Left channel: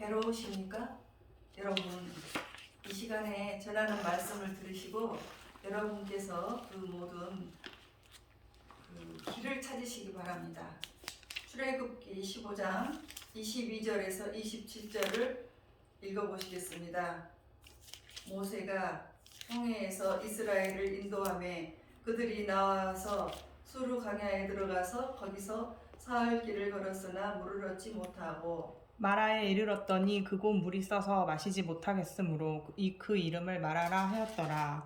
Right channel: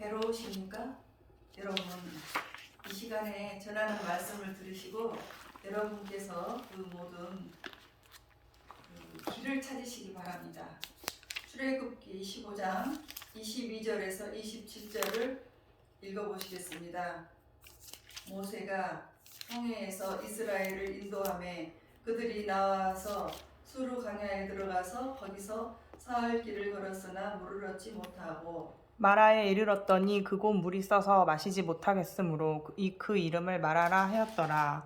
괴로우십니까? 여러분, 이 시간에 전하는 말씀을 들으시고 여러분께서 그 모든 길을 찾으시기 바랍니다. 출애굽기 15장 22절에서 27절을 읽어보시겠습니다. 모세가 홍해에서 이스라엘을 인도하며 그들이 나와서 수르 강야에 들어가서 거기서 사흘 길을 걸었으나 물을 얻지 못하고 마라에 이르렀더니 그곳 물이 써서 마시지 못하겠으므로 그 이름을 마라라 하였더라.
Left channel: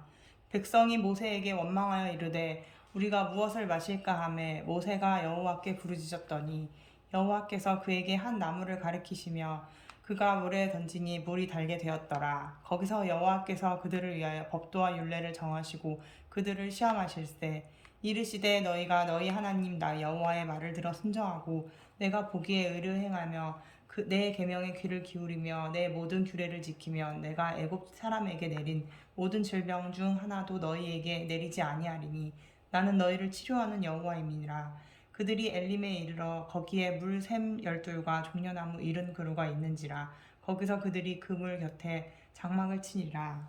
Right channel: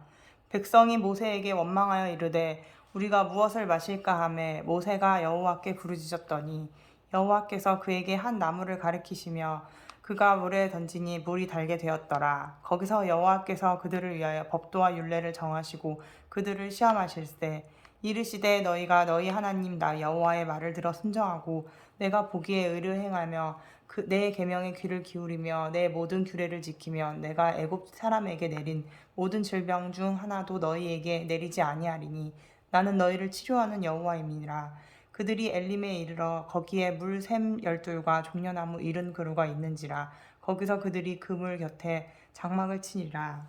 백성이 모세에게 원망하여 이르되 우리가 무엇을 마실까 하매 모세가 여호와께 부르짖었더니 여호와께서 그에게 한 나무를 가리키시며 그가 물에 던지니 물이 달게 되었더라. 거기서 여호와께서 그들을 위하여 법도와 율례를 정하시고 그들을 시험하실세 이르시되 너희가 너희 하나님 나 여호와의 말을 들어 순종하고 내가 보기에 의를 행하며 내 계명에 귀를 기울이며 내 모든 규례를 지키며 내가 애굽 사람에게 내린 모든 질병 중 하나도 너희에게 내리지 아니하리니 나는 너희를 치료하는 여호와임이니라. 그들이 엘림에 이르러 거기에 물 샘 12과 종려나무 70그루가 있는지라. 거기서 그들이 그 물 곁에 장막을 치니라.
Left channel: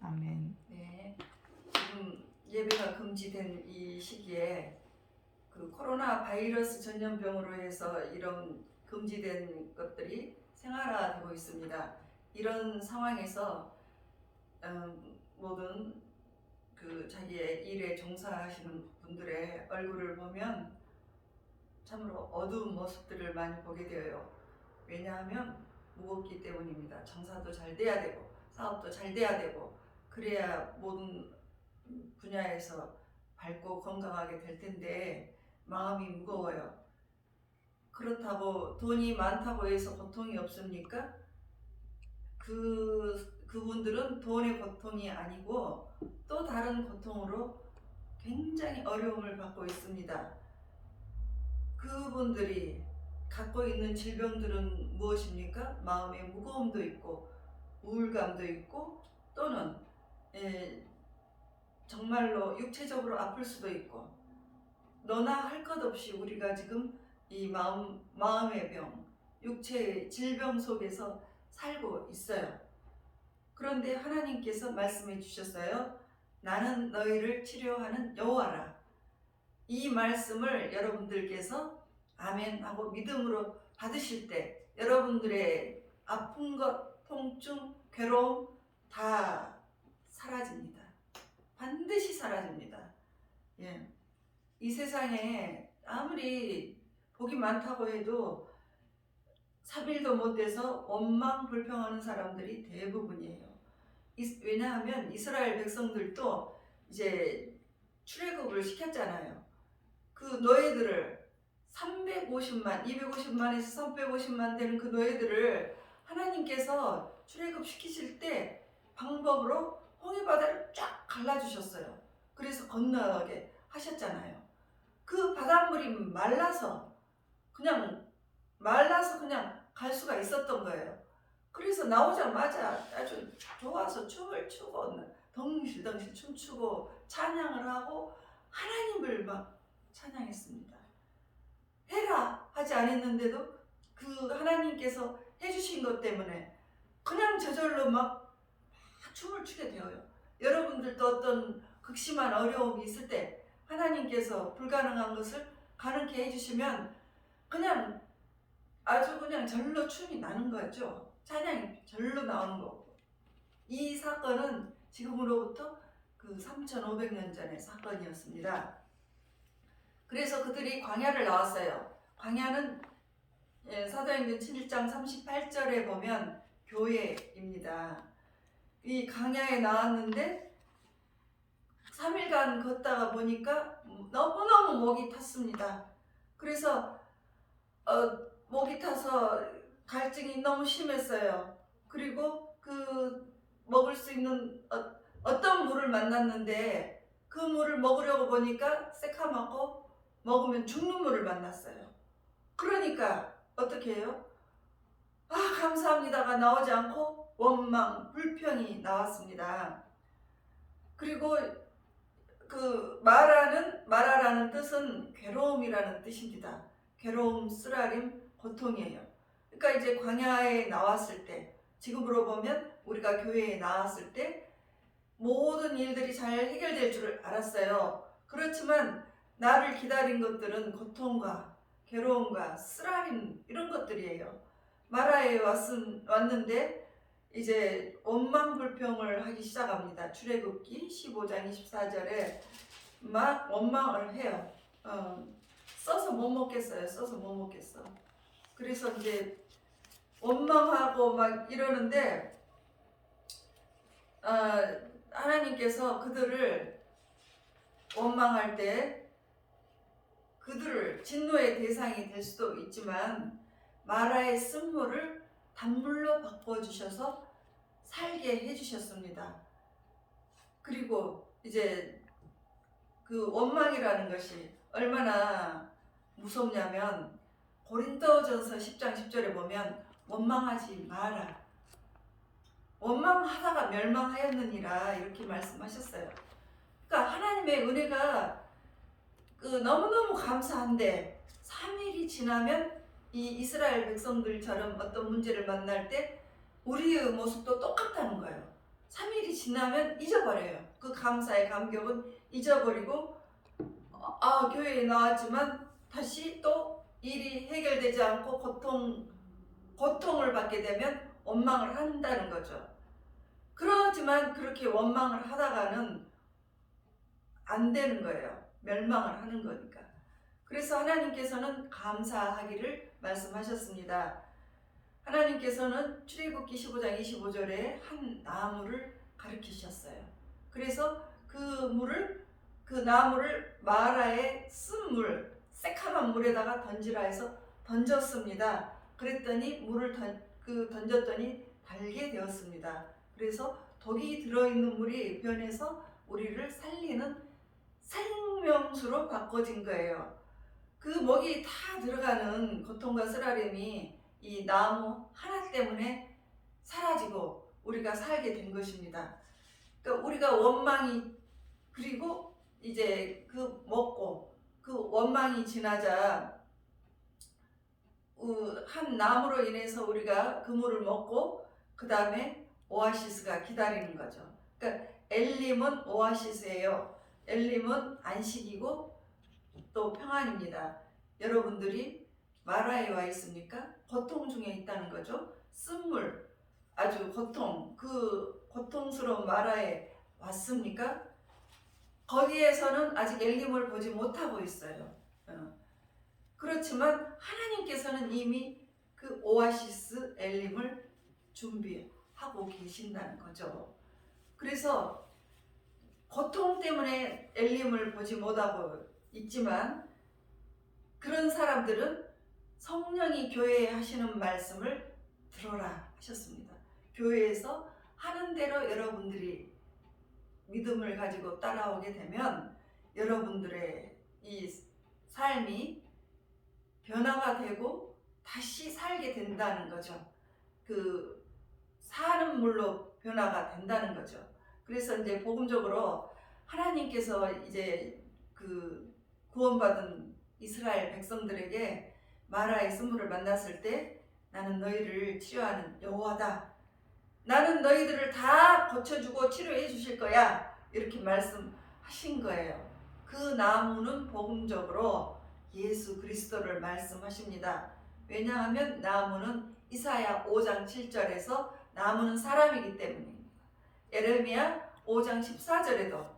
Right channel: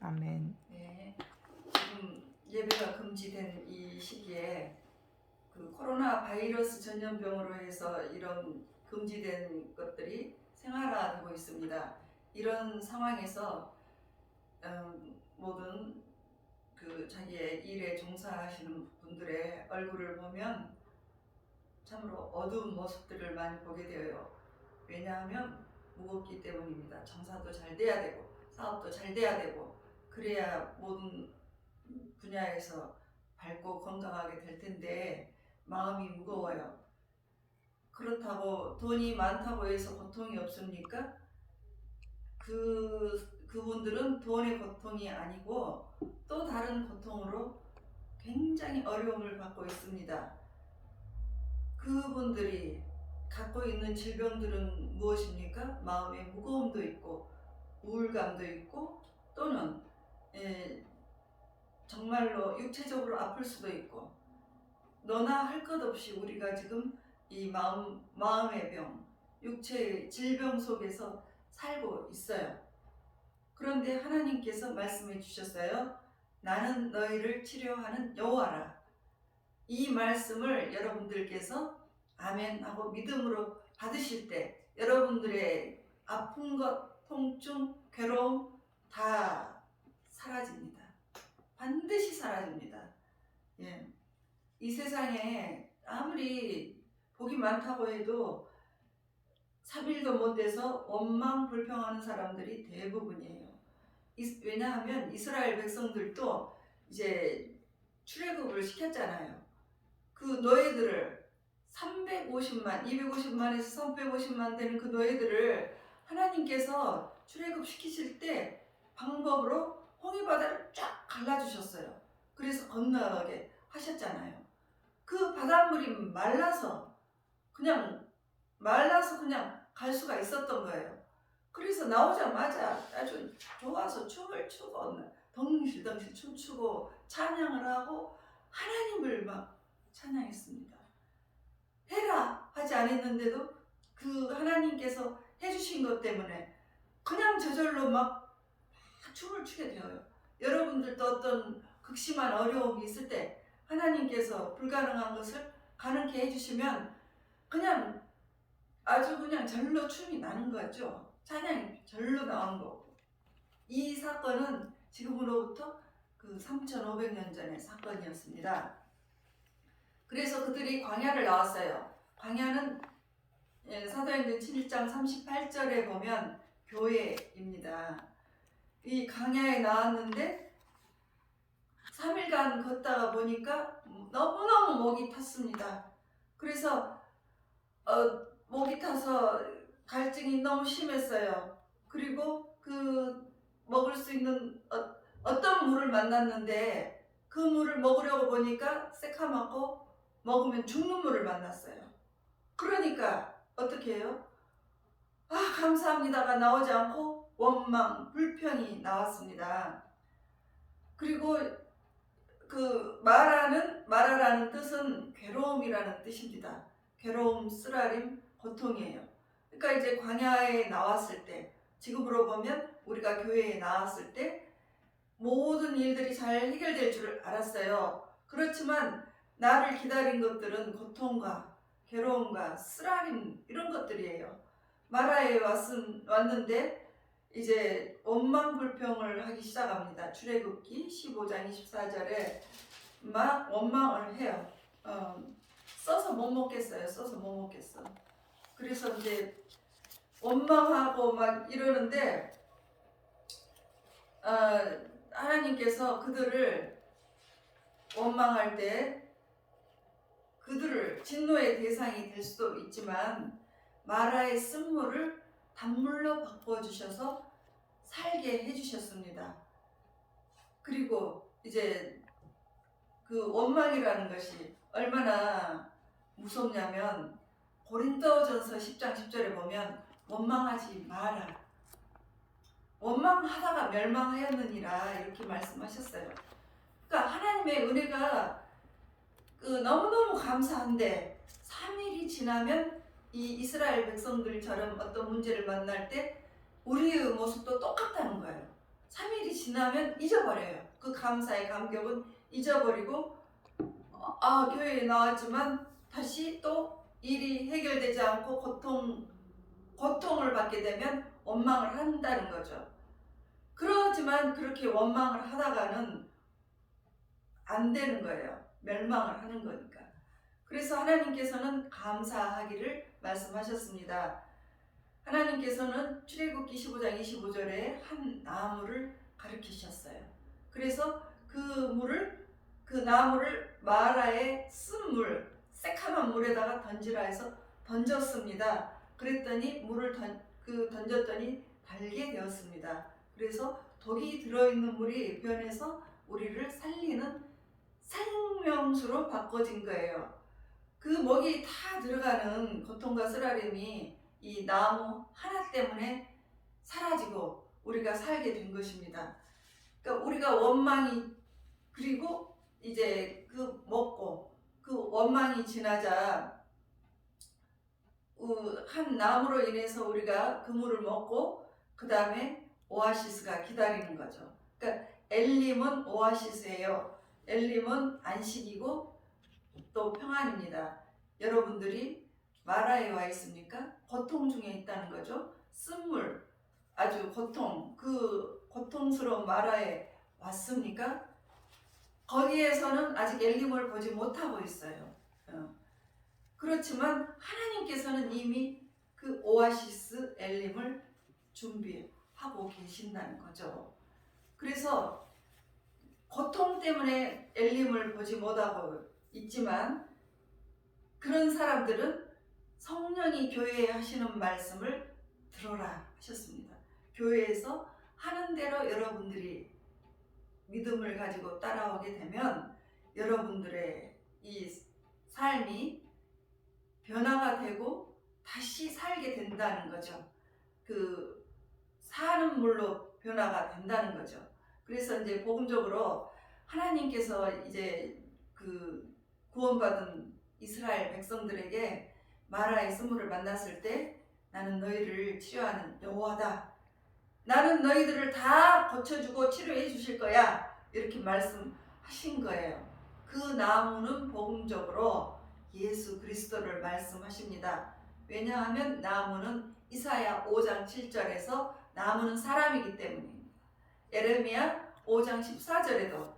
아멘. 네, 지금 예배가 금지된 이 시기에 그 코로나 바이러스 전염병으로 해서 이런 금지된 것들이 생활화되고 있습니다. 이런 상황에서 모든 그 자기의 일에 종사하시는 분들의 얼굴을 보면 참으로 어두운 모습들을 많이 보게 되어요. 왜냐하면 무겁기 때문입니다. 장사도 잘 돼야 되고 사업도 잘 돼야 되고 그래야 모든 분야에서 밝고 건강하게 될 텐데 마음이 무거워요. 그렇다고 돈이 많다고 해서 고통이 없습니까? 그분들은 돈의 고통이 아니고 또 다른 고통으로 굉장히 어려움을 받고 있습니다. 그분들이 갖고 있는 질병들은 무엇입니까? 마음의 무거움도 있고 우울감도 있고 또는 정말로 육체적으로 아플 수도 있고 너나 할 것 없이 우리가 지금 이 마음의 병, 육체의 질병 속에서 살고 있어요. 그런데 하나님께서 말씀해 주셨어요. 나는 너희를 치료하는 여호와라. 이 말씀을 여러분들께서 아멘 하고 믿음으로 받으실 때 여러분들의 아픈 것, 통증, 괴로움 다 사라집니다. 반드시 사라집니다. 예. 이 세상에 아무리 복이 많다고 해도 3일도 못 돼서 원망 불평하는 사람들이 대부분이에요. 왜냐하면 이스라엘 백성들도 이제 출애굽을 시켰잖아요. 그 노예들을 350만, 250만에서 350만 되는 그 노예들을 하나님께서 출애굽 시키실 때 방법으로 홍해바다를 쫙 갈라주셨어요. 그래서 건너게 하셨잖아요. 그 바닷물이 말라서 그냥 갈 수가 있었던 거예요. 그래서 나오자마자 아주 좋아서 춤을 추고 덩실덩실 춤추고 찬양을 하고 하나님을 막 찬양했습니다. 해라 하지 않았는데도 그 하나님께서 해주신 것 때문에 그냥 저절로 막 춤을 추게 되어요. 여러분들도 어떤 극심한 어려움이 있을 때 하나님께서 불가능한 것을 가능케 해주시면 그냥 아주 그냥 절로 춤이 나는 거죠. 찬양이 절로 나오는 거고. 이 사건은 지금으로부터 그 3,500년 전의 사건이었습니다. 그래서 그들이 광야를 나왔어요. 광야는 사도행전 7장 38절에 보면 교회입니다. 이 광야에 나왔는데 3일간 걷다가 보니까 너무너무 목이 탔습니다. 그래서 목이 타서 갈증이 너무 심했어요. 그리고 그 먹을 수 있는 어떤 물을 만났는데 그 물을 먹으려고 보니까 새카맣고 먹으면 죽는 물을 만났어요. 그러니까 어떻게 해요? 감사합니다가 나오지 않고 원망, 불평이 나왔습니다. 그리고 그 마라라는 뜻은 괴로움이라는 뜻입니다. 괴로움, 쓰라림, 고통이에요. 그러니까 우리가 이제 광야에 나왔을 때, 지금으로 보면 우리가 교회에 나왔을 때 모든 일들이 잘 해결될 줄 알았어요. 그렇지만 나를 기다린 것들은 고통과 괴로움과 쓰라림 이런 것들이에요. 마라에 왔는데 이제 원망불평을 하기 시작합니다. 출애굽기 15장 24절에 막 원망을 해요. 써서 못 먹겠어요. 써서 못 먹겠어. 그래서 이제 원망하고 막 이러는데 하나님께서 그들을 원망할 때 그들을 진노의 대상이 될 수도 있지만 마라의 쓴물을 단물로 바꿔주셔서 살게 해주셨습니다. 그리고 이제 그 원망이라는 것이 얼마나 무섭냐면 고린도전서 10장 10절에 보면 원망하지 마라. 원망하다가 멸망하였느니라 이렇게 말씀하셨어요. 그러니까 하나님의 은혜가 너무너무 감사한데 3일이 지나면 이 이스라엘 백성들처럼 어떤 문제를 만날 때 우리의 모습도 똑같다는 거예요. 3일이 지나면 잊어버려요. 그 감사의 감격은 잊어버리고 교회에 나왔지만 다시 또 일이 해결되지 않고 고통을 받게 되면 원망을 한다는 거죠. 그렇지만 그렇게 원망을 하다가는 안 되는 거예요. 멸망을 하는 거니까. 그래서 하나님께서는 감사하기를 말씀하셨습니다. 하나님께서는 출애굽기 15장 25절에 한 나무를 가리키셨어요. 그래서 그 나무를 마라의 쓴물, 새카만 물에다가 던지라 해서 던졌습니다. 그랬더니 물을 던졌더니 달게 되었습니다. 그래서 독이 들어있는 물이 변해서 우리를 살리는 생명수로 바꿔진 거예요. 그 먹이 다 들어가는 고통과 쓰라림이 이 나무 하나 때문에 사라지고 우리가 살게 된 것입니다. 그러니까 우리가 원망이 그리고 이제 먹고 그 원망이 지나자 한 나무로 인해서 우리가 그 물을 먹고 그 다음에 오아시스가 기다리는 거죠. 그러니까 엘림은 오아시스예요. 엘림은 안식이고 또 평안입니다. 여러분들이 마라에 와 있습니까? 고통 중에 있다는 거죠. 쓴물, 아주 그 고통스러운 마라에 왔습니까? 거기에서는 아직 엘림을 보지 못하고 있어요. 그렇지만 하나님께서는 이미 그 오아시스 엘림을 준비하고 계신다는 거죠. 그래서 고통 때문에 엘림을 보지 못하고 있지만 그런 사람들은 성령이 교회에 하시는 말씀을 들어라 하셨습니다. 교회에서 하는 대로 여러분들이 믿음을 가지고 따라오게 되면 여러분들의 이 삶이 변화가 되고 다시 살게 된다는 거죠. 그 사는 물로 변화가 된다는 거죠. 그래서 이제 복음적으로 하나님께서 이제 그 구원받은 이스라엘 백성들에게 마라의 쓴물을 만났을 때 나는 너희를 치료하는 여호와다. 나는 너희들을 다 고쳐주고 치료해 주실 거야. 이렇게 말씀하신 거예요. 그 나무는 복음적으로 예수 그리스도를 말씀하십니다. 왜냐하면 나무는 이사야 5장 7절에서 나무는 사람이기 때문입니다. 예레미야 5장 14절에도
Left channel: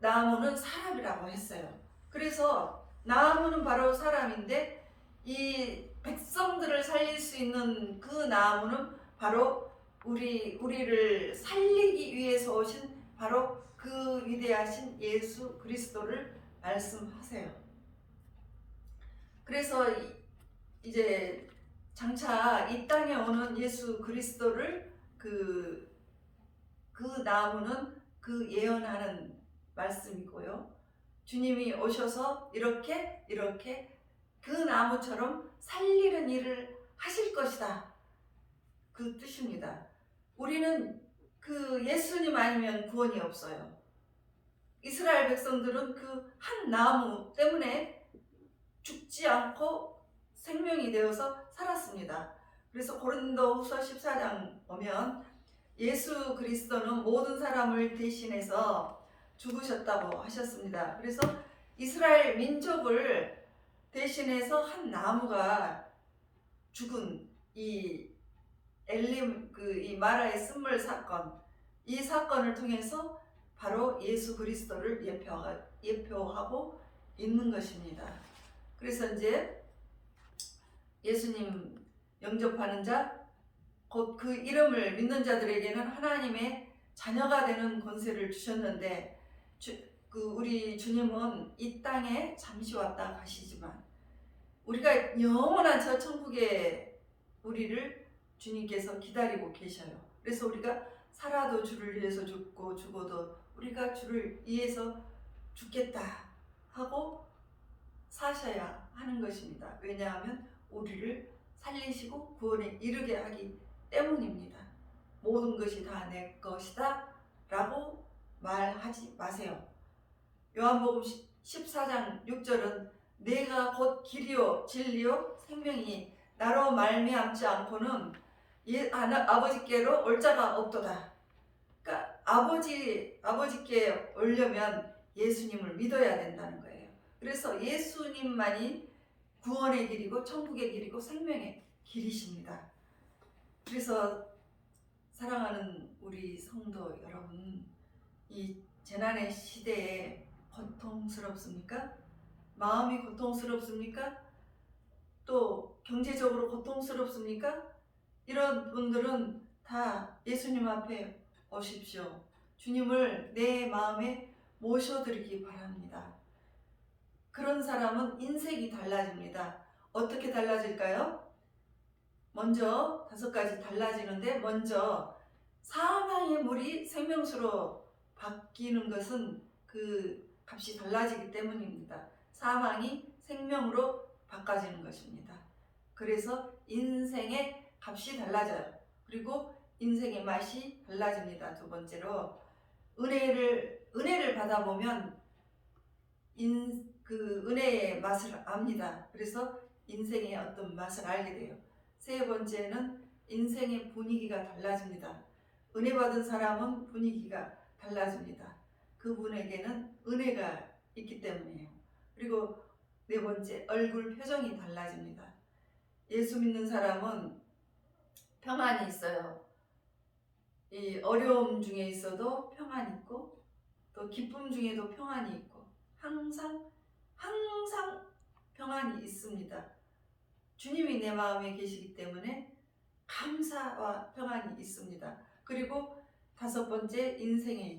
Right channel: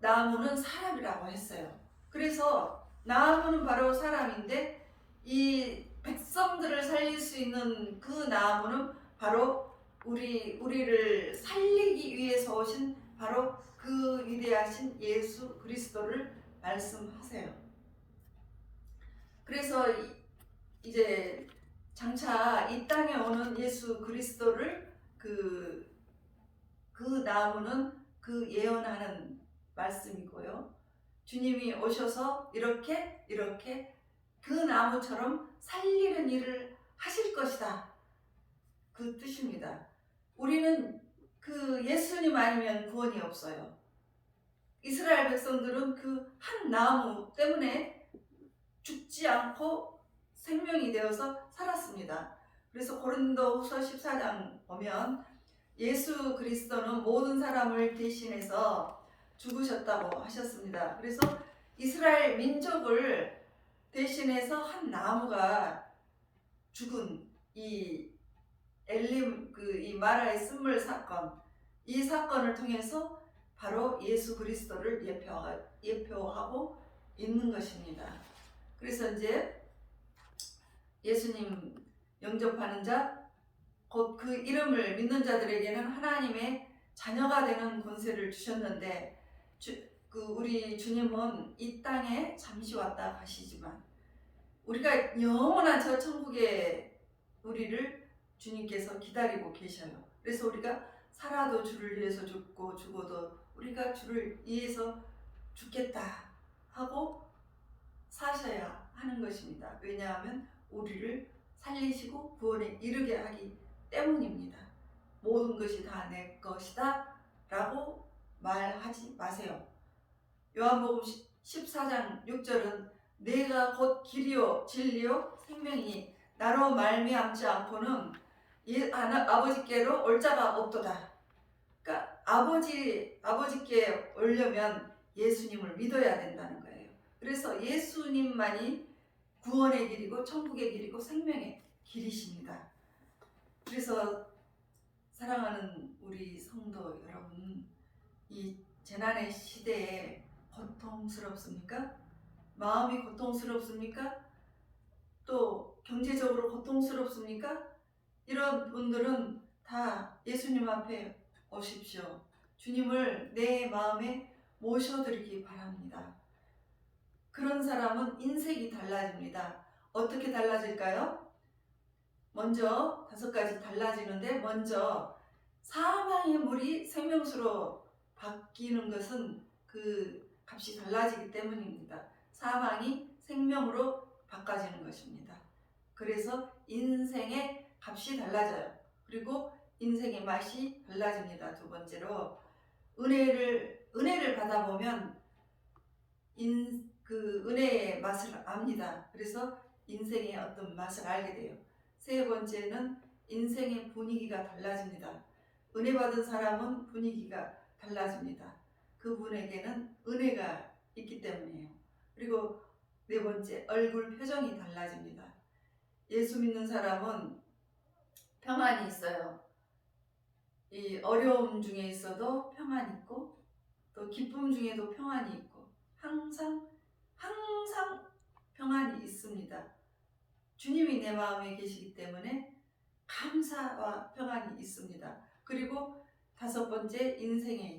나무는 사람이라고 했어요. 그래서 나무는 바로 사람인데 이 백성들을 살릴 수 있는 그 나무는 바로 우리를 살리기 위해서 오신 바로 그 위대하신 예수 그리스도를 말씀하세요. 그래서 이제 장차 이 땅에 오는 예수 그리스도를 그 나무는 그 예언하는 말씀이고요. 주님이 오셔서 이렇게 그 나무처럼 살리는 일을 하실 것이다. 그 뜻입니다. 우리는 그 예수님 아니면 구원이 없어요. 이스라엘 백성들은 그 한 나무 때문에 죽지 않고 생명이 되어서 살았습니다. 그래서 고린도후서 14장 보면 예수 그리스도는 모든 사람을 대신해서 죽으셨다고 하셨습니다. 그래서 이스라엘 민족을 대신해서 한 나무가 죽은 이 엘림 이 마라의 쓴물 사건, 이 사건을 통해서 바로 예수 그리스도를 예표하고 있는 것입니다. 그래서 이제 예수님 영접하는 자, 곧 그 이름을 믿는 자들에게는 하나님의 자녀가 되는 권세를 주셨는데, 우리 주님은 이 땅에 잠시 왔다 가시지만 우리가 영원한 저 천국에 우리를 주님께서 기다리고 계셔요. 그래서 우리가 살아도 주를 위해서 죽고 죽어도 우리가 주를 위해서 죽겠다 하고 사셔야 하는 것입니다. 왜냐하면 우리를 살리시고 구원에 이르게 하기 때문입니다. 모든 것이 다 내 것이다 라고 말하지 마세요. 요한복음 14장 6절은 내가 곧 길이요 진리요 생명이 나로 말미암지 않고는 아버지께로 올 자가 없도다. 그러니까 아버지께 오려면 예수님을 믿어야 된다는 거예요. 그래서 예수님만이 구원의 길이고 천국의 길이고 생명의 길이십니다. 그래서 사랑하는 우리 성도 여러분, 이 재난의 시대에 고통스럽습니까? 마음이 고통스럽습니까? 또 경제적으로 고통스럽습니까? 이런 분들은 다 예수님 앞에 오십시오. 주님을 내 마음에 모셔드리기 바랍니다. 그런 사람은 인생이 달라집니다. 어떻게 달라질까요? 먼저 5가지 달라지는데, 먼저 사망의 물이 생명수로 바뀌는 것은 그 값이 달라지기 때문입니다. 사망이 생명으로 바꿔지는 것입니다. 그래서 인생의 값이 달라져요. 그리고 인생의 맛이 달라집니다. 두 번째로 은혜를 받아보면 그 은혜의 맛을 압니다. 그래서 인생의 어떤 맛을 알게 돼요. 세 번째는 인생의 분위기가 달라집니다. 은혜 받은 사람은 분위기가 달라집니다. 그분에게는 은혜가 있기 때문이에요. 그리고 네 번째, 얼굴 표정이 달라집니다. 예수 믿는 사람은 평안이 있어요. 이 어려움 중에 있어도 평안이 있고, 또 기쁨 중에도 평안이 있고, 항상 평안이 있습니다. 주님이 내 마음에 계시기 때문에 감사와 평안이 있습니다. 그리고 5번째, 인생의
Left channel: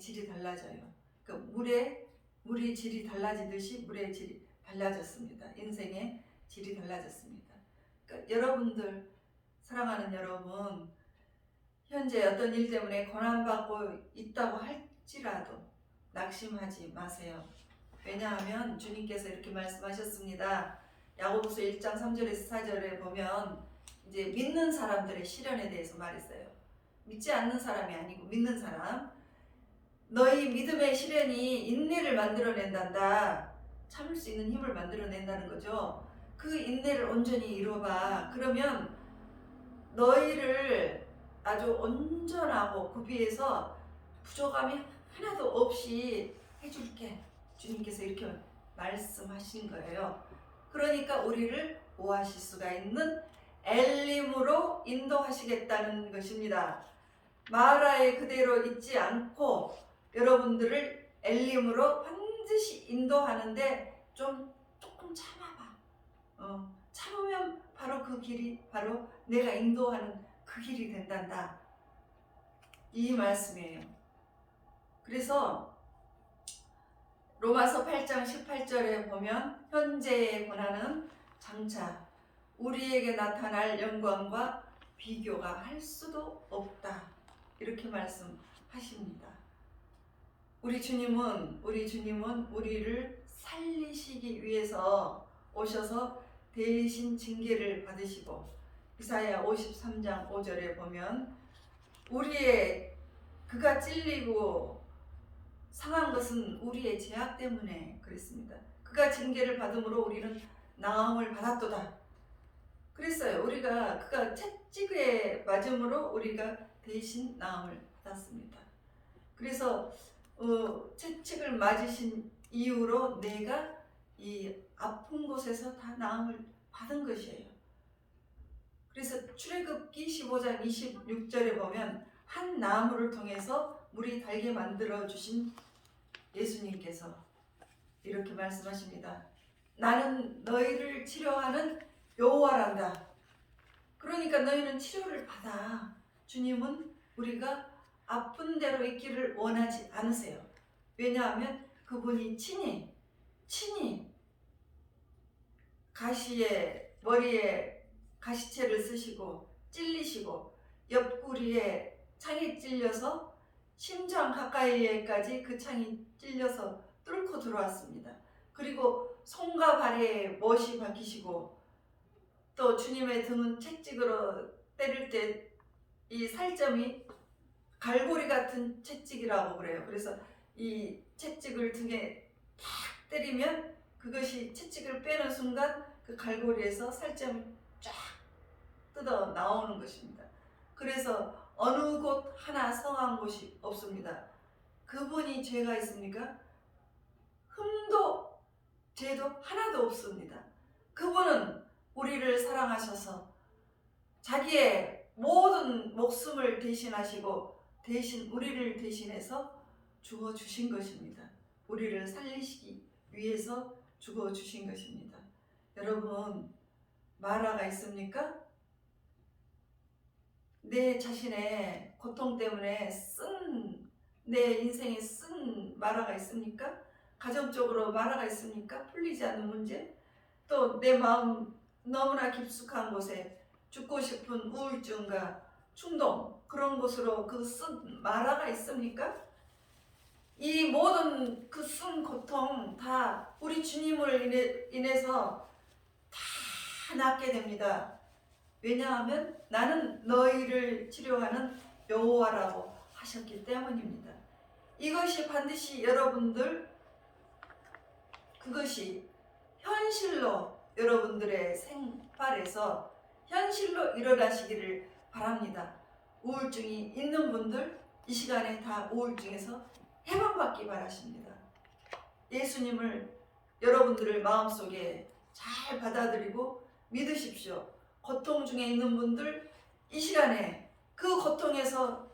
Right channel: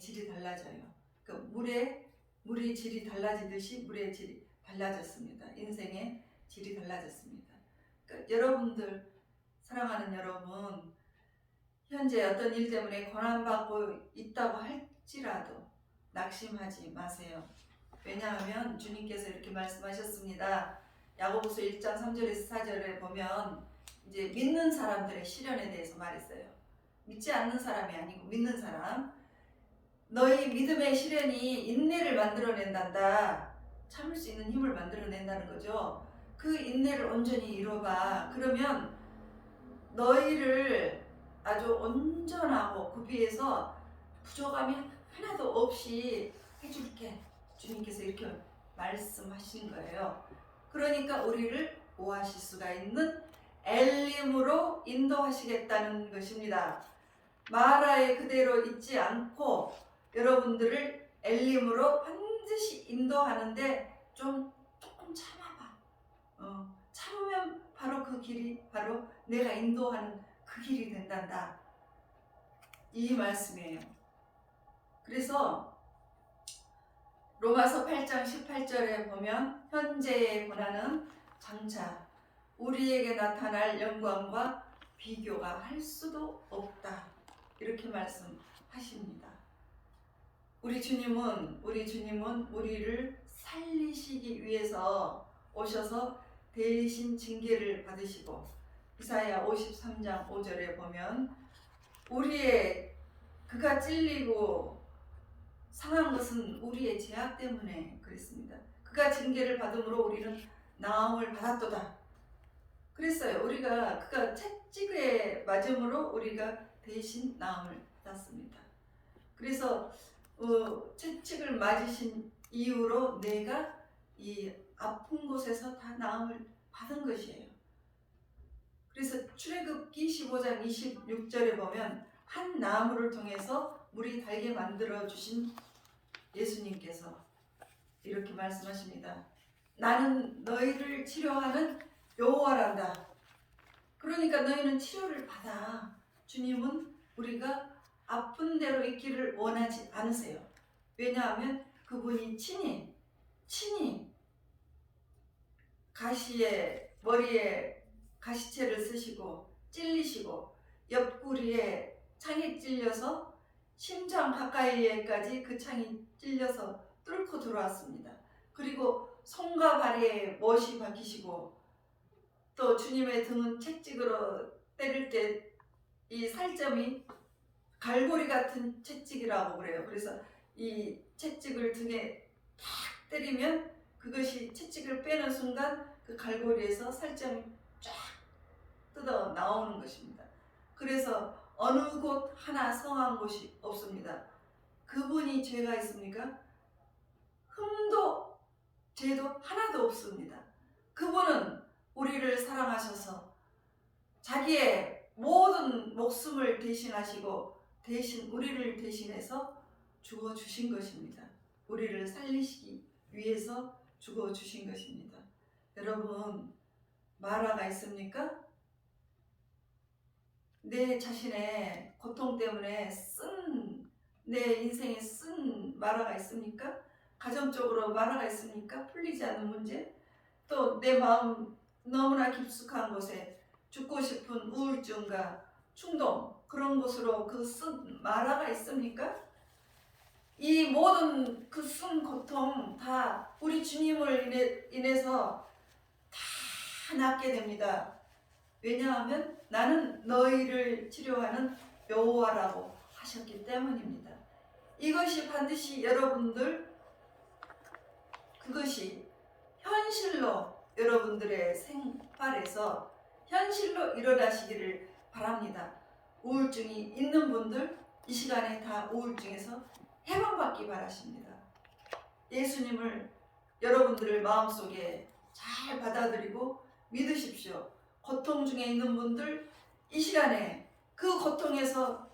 질이 달라져요. 그 물의 질이 달라지듯이 물의 질이 달라졌습니다. 인생의 질이 달라졌습니다. 그러니까 여러분들, 사랑하는 여러분, 현재 어떤 일 때문에 고난받고 있다고 할지라도 낙심하지 마세요. 왜냐하면 주님께서 이렇게 말씀하셨습니다. 야고보서 1장 3절에서 4절에 보면 이제 믿는 사람들의 시련에 대해서 말했어요. 믿지 않는 사람이 아니고 믿는 사람. 너희 믿음의 시련이 인내를 만들어낸단다. 참을 수 있는 힘을 만들어낸다는 거죠. 그 인내를 온전히 이뤄봐. 그러면 너희를 아주 온전하고 구비해서 부족함이 하나도 없이 해줄게. 주님께서 이렇게 말씀하신 거예요. 그러니까 우리를 오아시스가 있는 엘림으로 인도하시겠다는 것입니다. 마라에 그대로 있지 않고 여러분들을 엘림으로 반드시 인도하는데 조금 참아봐. 참으면 바로 그 길이 바로 내가 인도하는 그 길이 된단다. 이 말씀이에요. 그래서 로마서 8장 18절에 보면 현재의 고난은 장차 우리에게 나타날 영광과 비교가 할 수도 없다. 이렇게 말씀하십니다. 우리 주님은 우리를 살리시기 위해서 오셔서 대신 징계를 받으시고, 이사야 53장 5절에 보면 그가 찔리고 상한 것은 우리의 죄악 때문에 그랬습니다. 그가 징계를 받음으로 우리는 나음을 받았도다. 그랬어요. 우리가 그가 채찍에 맞음으로 우리가 대신 나음을 받았습니다. 그래서 채찍을 맞으신 이후로 내가 이 아픈 곳에서 다 나음을 받은 것이에요. 그래서 출애굽기 15장 26절에 보면 한 나무를 통해서 물이 달게 만들어 주신 예수님께서 이렇게 말씀하십니다. 나는 너희를 치료하는 여호와란다. 그러니까 너희는 치료를 받아. 주님은 우리가 아픈 대로 있기를 원하지 않으세요. 왜냐하면 그분이 친히 가시에 머리에 가시채를 쓰시고 찔리시고 옆구리에 창에 찔려서 심장 가까이에까지 그 창이 찔려서 뚫고 들어왔습니다. 그리고 손과 발에 못이 박히시고 또 주님의 등은 채찍으로 때릴 때 이 살점이 갈고리 같은 채찍이라고 그래요. 그래서 이 채찍을 등에 탁 때리면 그것이 채찍을 빼는 순간 그 갈고리에서 살점이 쫙 뜯어 나오는 것입니다. 그래서 어느 곳 하나 성한 곳이 없습니다. 그분이 죄가 있습니까? 흠도 죄도 하나도 없습니다. 그분은 우리를 사랑하셔서 자기의 모든 목숨을 대신하시고 대신 우리를 대신해서 죽어주신 것입니다. 우리를 살리시기 위해서 죽어주신 것입니다. 여러분, 마라가 있습니까? 내 자신의 고통 때문에 내 인생에 쓴 마라가 있습니까? 가정적으로 마라가 있습니까? 풀리지 않는 문제? 또 내 마음 너무나 깊숙한 곳에 죽고 싶은 우울증과 충동, 그런 곳으로 그 쓴 마라가 있습니까? 이 모든 그 쓴 고통 다 우리 주님을 인해서 다 낫게 됩니다. 왜냐하면 나는 너희를 치료하는 여호와라고 하셨기 때문입니다. 이것이 반드시 여러분들, 그것이 현실로 여러분들의 생활에서 현실로 일어나시기를 바랍니다. 우울증이 있는 분들 이 시간에 다 우울증에서 해방받기 바라십니다. 예수님을 여러분들의 마음속에 잘 받아들이고 믿으십시오. 고통 중에 있는 분들 이 시간에 그 고통에서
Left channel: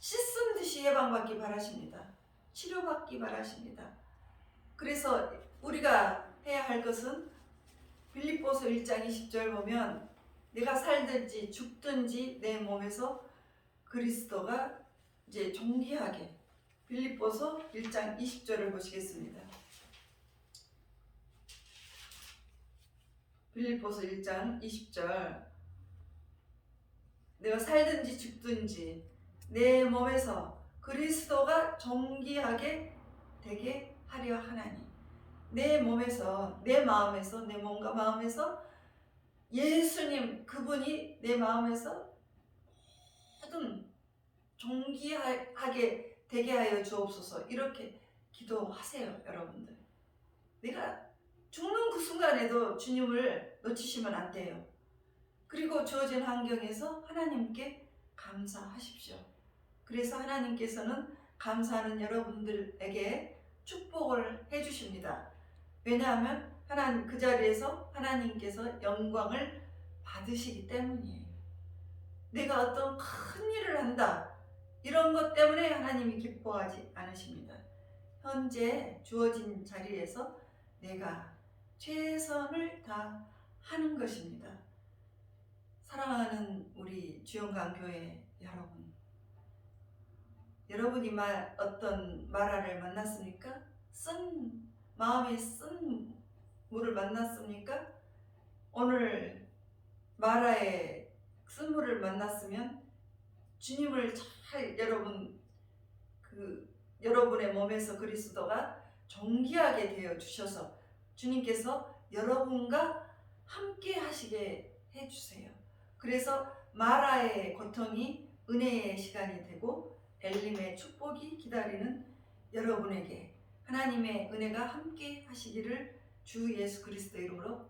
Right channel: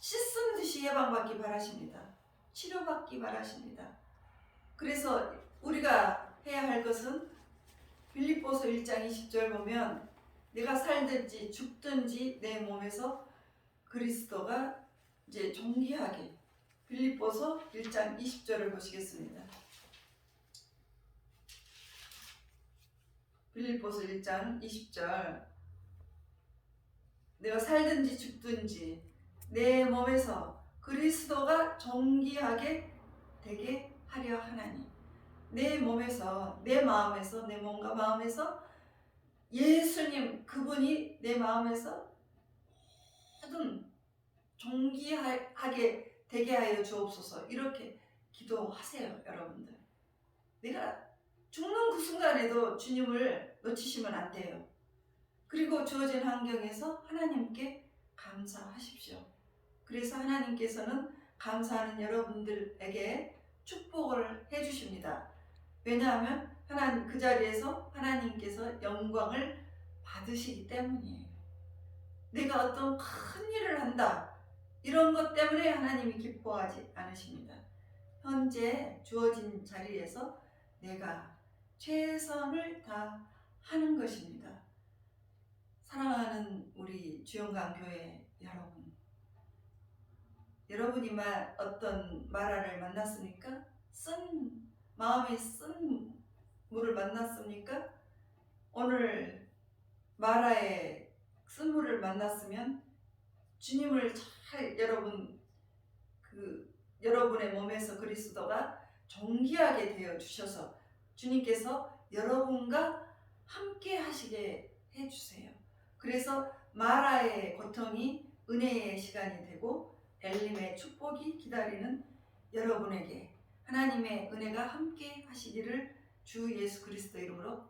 씻은 듯이 해방받기 바라십니다. 치료받기 바라십니다. 그래서 우리가 해야 할 것은 빌립보서 1장 20절 보면 내가 살든지 죽든지 내 몸에서 그리스도가 이제 존귀하게, 빌립보서 1장 20절을 보시겠습니다. 빌립보서 1장 20절 내가 살든지 죽든지 내 몸에서 그리스도가 존귀하게 되게 하려 하나니, 내 몸에서, 내 마음에서, 내 몸과 마음에서 예수님 그분이 내 마음에서 모든 존귀하게 되게 하여 주옵소서. 이렇게 기도하세요. 여러분들, 내가 죽는 그 순간에도 주님을 놓치시면 안 돼요. 그리고 주어진 환경에서 하나님께 감사하십시오. 그래서 하나님께서는 감사하는 여러분들에게 축복을 해주십니다. 왜냐하면 하나님 그 자리에서 하나님께서 영광을 받으시기 때문이에요. 내가 어떤 큰 일을 한다, 이런 것 때문에 하나님이 기뻐하지 않으십니다. 현재 주어진 자리에서 내가 최선을 다하는 것입니다. 사랑하는 우리 주영강교회 여러분, 여러분이 어떤 마라를 만났습니까? 마음에 쓴 물을 만났습니까? 오늘 마라의 쓴물을 만났으면 주님을 잘 여러분의 몸에서 그리스도가 존귀하게 되어 주셔서 주님께서 여러분과 함께 하시게 해주세요. 그래서 마라의 고통이 은혜의 시간이 되고 엘림의 축복이 기다리는 여러분에게 하나님의 은혜가 함께 하시기를 주 예수 그리스도 이름으로